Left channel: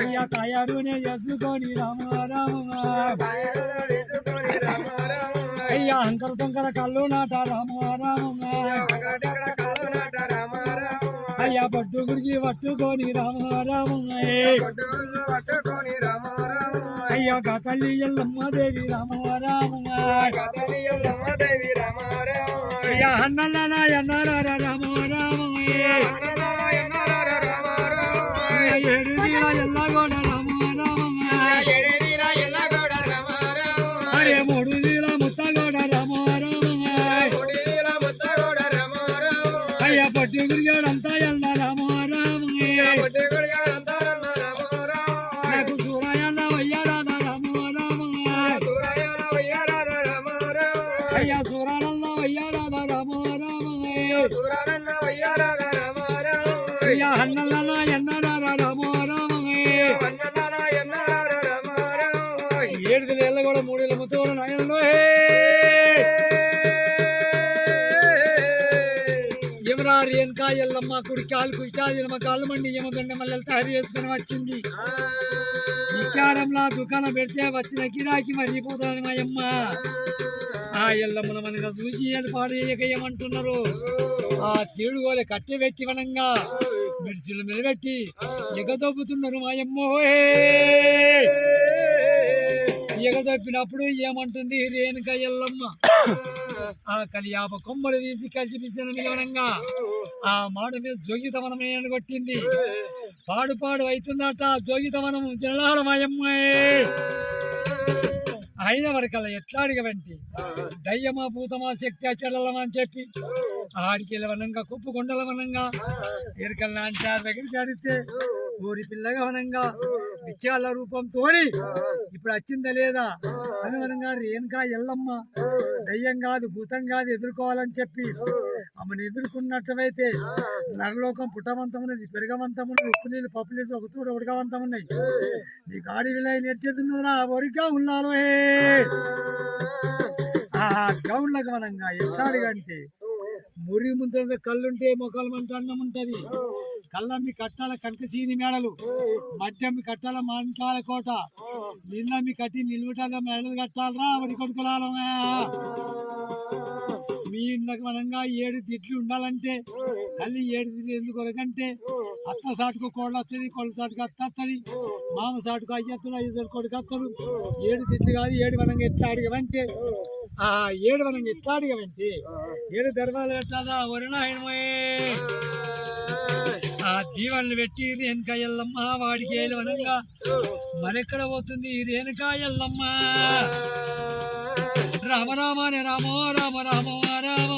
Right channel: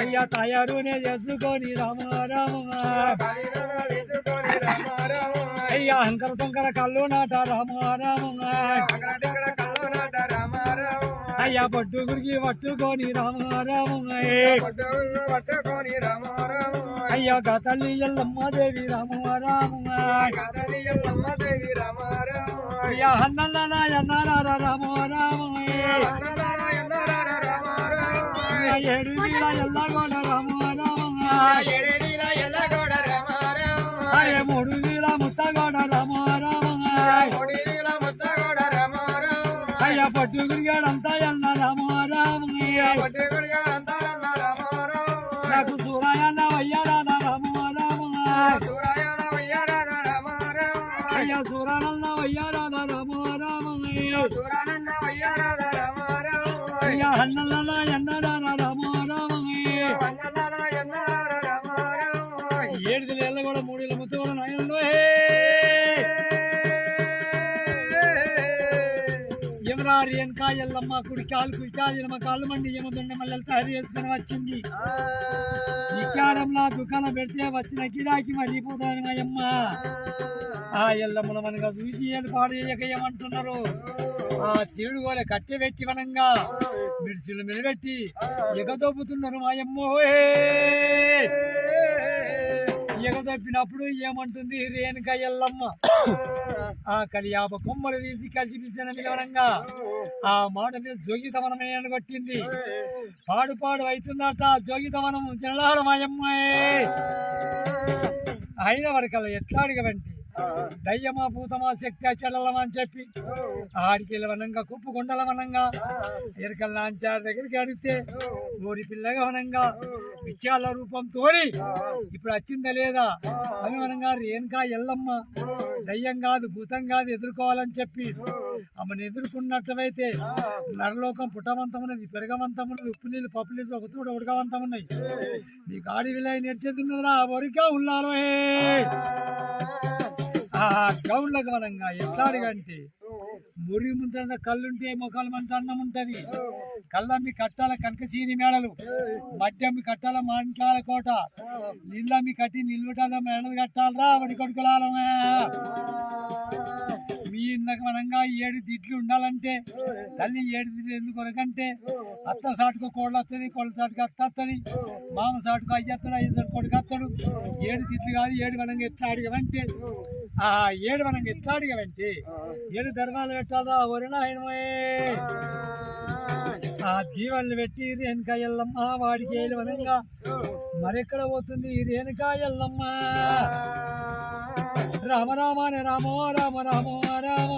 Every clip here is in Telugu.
అయ్యా తయారునే చేసుకొని రామ రామ అయ్యా అంకర తొంకర కళ్ళు నాట రామ రామ అయ్యా పట్టు గురికి పట్టుకొని రామ రామ అయ్యా గతల్లి ఎల్లమ్మ దేవి రామ రామ అయ్యా అన్నల ఎన్నారా రామ రామ ఏడు దిల ఎల్లగోడ రామ రామ అరే మూడు దిల ముత్తగోడ రామ రామ అయ్యా పట్టు గురిగాడంతా ఎల్ల రామ రామ నాకు సూరాయన్న వయ్యారాధ రామ రామ అయ్యా సూరానన్న వయ్యారాధ రామ రామ అయ్యా అన్నల ఎన్నరా రామ రామ ఏడు ఏళ్ళ కూడా మూడేళ్ళ ముత్తగోడ నాయనలో ఎవరారు వెనక ఎల్లమ్మ కుడి కాలు కుష్టాదిలమ్మ కాళ్ళు మండి ఏమదండ మల్లెలు తయారు చేసుకుని వచ్చింది విచారంలా దుకాణం పెడితే వచ్చిన గిరాకి మరిగిపోతాను మా అమ్మ ఆ ఎల్లమ్మను మనగా చూసి పాడు చేయకయ్యమంటున్నారు ఆ తీడు కూడా కట్టె పెట్టి వనంగా మిడిసిలు మెలిపెట్టి ఎగదొబ్బుతున్నారు మా అమ్మో ఎగదొప్పినప్పుడు ఏమంటుంది రేణుక ఎల్లమ్మ ఆ కలియాప కొమ్మలు తీసి కలిసిపిస్తున్న నిలవనంగా ఆ మాట మీద జోగితమనమే అని కొట్టింది పాడు పాడు అవుతుందట జోగితమనము జనలాల మాయమ్మాయి అయిన వరకల్లా ఎట్లా అడిగవంటి దయ్యమా భూతమా శక్తి చెల్లలమా అని చెప్పి ఆడికి వెళ్ళవనంగా కుప్పు కొండలవనంగా ఎరకల్ నాంచారి దగ్గరికి అడిగితే ఊరి పిల్లగా వనంగా విచ్చాల రూపంతో ఇప్పుడు వచ్చిందా లేదా అని వనంగా రేణుకా ఎల్లమ్మ దయ్యం కాదు భూతం కాదు ఎదుర్కోవాలని చెప్పి ఆమెను ఎదుర్కొన్నట్లయితే నరలోకం పుట్టవంతమున్నది పెరగవంతమున్నది ఉప్పు నీళ్ళు పప్పు నీళ్ళు ఒక తూడ ఉడకవంతమున్నాయి నీకు ఆడి విలయ నేర్చేతున్నదిరా ఒరిగా ఉన్నాను ఆ గౌన్లకు మనంగా ఎట్లాడిగంటే మురి ముంత కళ్ళుంటే మొక్కలు మంట అన్నం ఉంటది కళ్ళమ్మి కట్టాల కనకసీని మేడలు మడ్డమ్మి కట్టాల మంటాల కోట నీళ్ళమ్మి కట్టి నిల్వటాల మేడలు కట్టాలరా వడి కొడుకులాలమే మీ ఇండ్లకు మనంగా 7 తిట్లు ఉండాలంటే తల్లి 7 తిట్లు ఎందుకు కొరకంటే అత్త సాటుకు కోళ్ళు వస్తుంది కోళ్ళ సాటుకు అత్త వస్తుంది మామ సాటుకు అయ్యత్తడు అయ్య సాటు కొడుకు వస్తాడు 7 తిట్లు కాదు 7 వనంగా ఎట్లా అడిగవంటే ఆ 7 వనంగా ఎట్లా అడిగవంటే 7 ధర్మాలు పెట్టాలా ఒరినా ఆ దీవెనలు పెట్టి రేణుకా ఎల్లమ్మ వాడికి వనంగా మరెక్కడ పోతుంది రేణుకా ఎల్లమ్మ రామ రామనే రామో రామ రామో రామ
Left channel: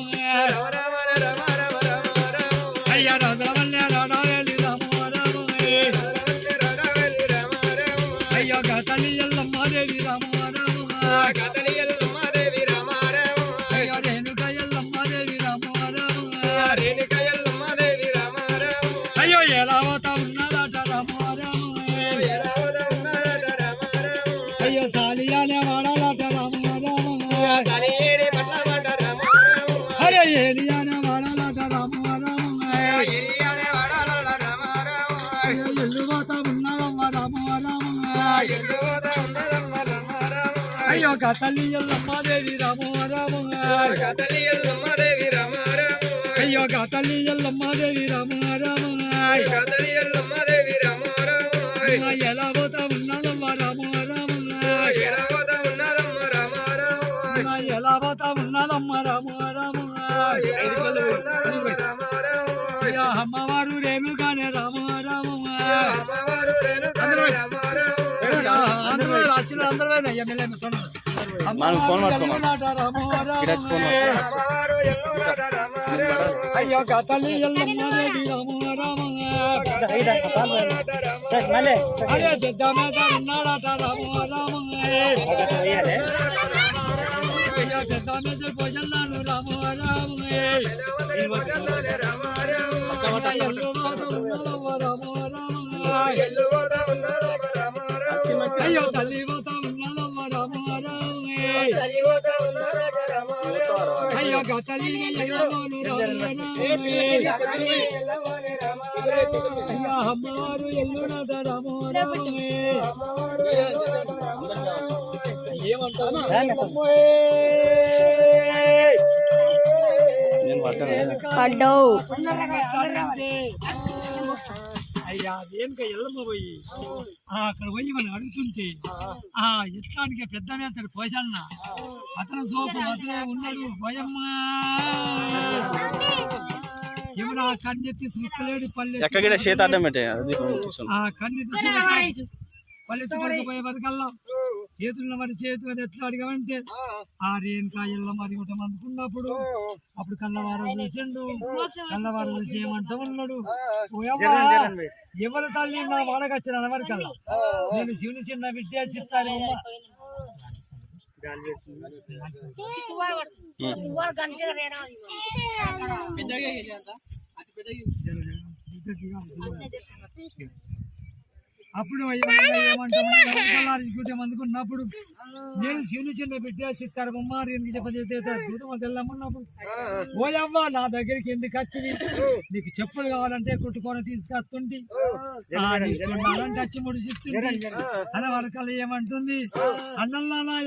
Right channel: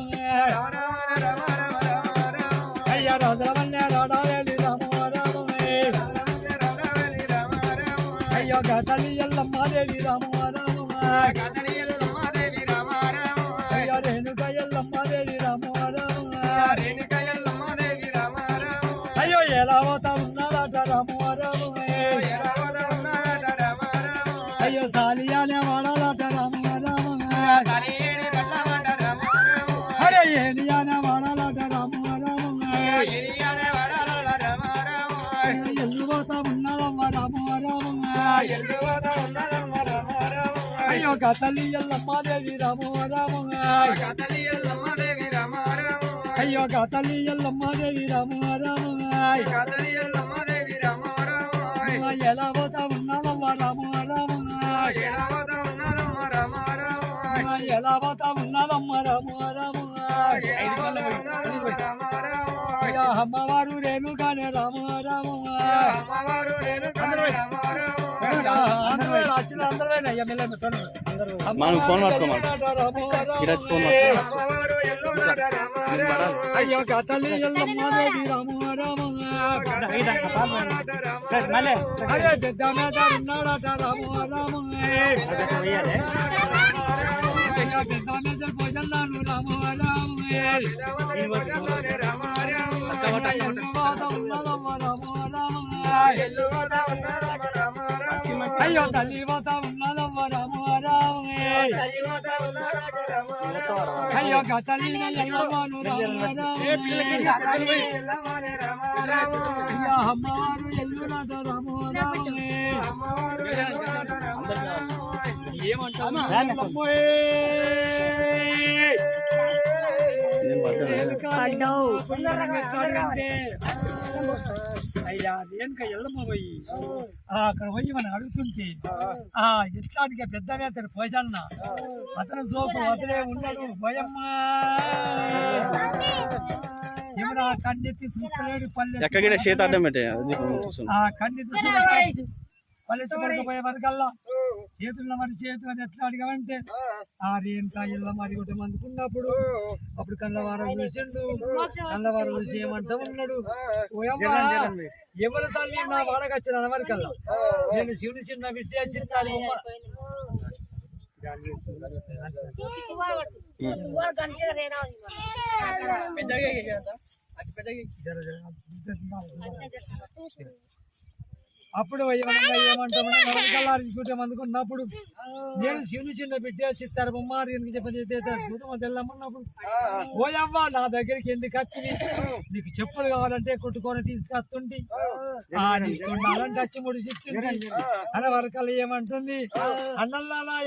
అయ్యా రాజవల్లే రాడాలి రామో రామ అయ్యా గతలి ఎల్లమ్మ దేవి రామో రామ అయ్యా రేణుకా ఎల్లమ్మ దేవి రామో రామ అయ్యో ఎలా పోతా ఉన్నాడట రామో రామ అయ్యో సాలియానే వాడాలట రామ అరే ఏలియానే వాడాలట రామ రామ ఎల్లు పోతా ఉన్నాడమ్మ రామ రామ అయ్యో గతలి ఎల్లమ్మ దేవి రామ రామ అయ్యో గతలి ఎల్లమ్మ దేవి రామ రామ ఎలా పోతా ఉన్నాడమ్మ రామ రామ ఎలా పోతా ఉన్నాడమ్మ రామ రామ అమ్మవారు రేణుగానే రామ రామ రాచిన అందరూ అయ్యో గతలి ఎల్లమ్మ దేవి రామ రామ అరే పెద్ద మీద ఉన్నాడట రామ రామ పెద్ద మీద భోజనాను రామ రామ అయ్యో తల్లి పోతా ఉన్నదమ్మ రామ రామ అయ్యో గతలీన ఎల్లవాను అయ్యా అమ్మవారు ఎల్లునాథ రామో రామే ఏమంటావు అయ్యా దేనిక ఎల్లమ్మ పోయి అక్కడ పోయి మనం అడుగుతుంటే ఆ ఎట్లానికి పెద్ద అతను పోసన్న అతను సోపు అతనే ఉన్నాడు భయమ్మ ఏమన్నా కన్నెత్తి చూస్తలేడు పల్లె ఆ కన్నెత్తి పల్లెత్తి పడకపోయే వరకల్లా చేతున్న మరి చేతు అని ఎట్లా అడిగామంటే ఆ రేణుకా ఎల్లమ్మ మరి ఒకటి అందుకున్నప్పుడు అప్పుడు కళ్ళవారం చూసిండు కళ్ళవారం చూసి ఏమంటా ఉన్నాడు ఎవరి తల్లి నా వాడకొచ్చిన వరకల్లా నేను శివుని చిన్న విద్యా చిత్తాలి అప్పుడు ఏమంటామంటే అందుకున్నప్పుడు నేను శివుని చిన్న బిడ్డ చిత్తారు బొమ్మారు ఎందుకు చెప్పన్నప్పుడు ఓయవ్వ నా దగ్గరికి ఎందుకు వచ్చింది నీకు చెప్పులు కావాలంటే కొట్టుకొని తీసుకొస్తుంటే అలాంటి వచ్చి ముడి చెప్తుంది అన్న వరకల్లా ఏమంటుంది అన్నల్లా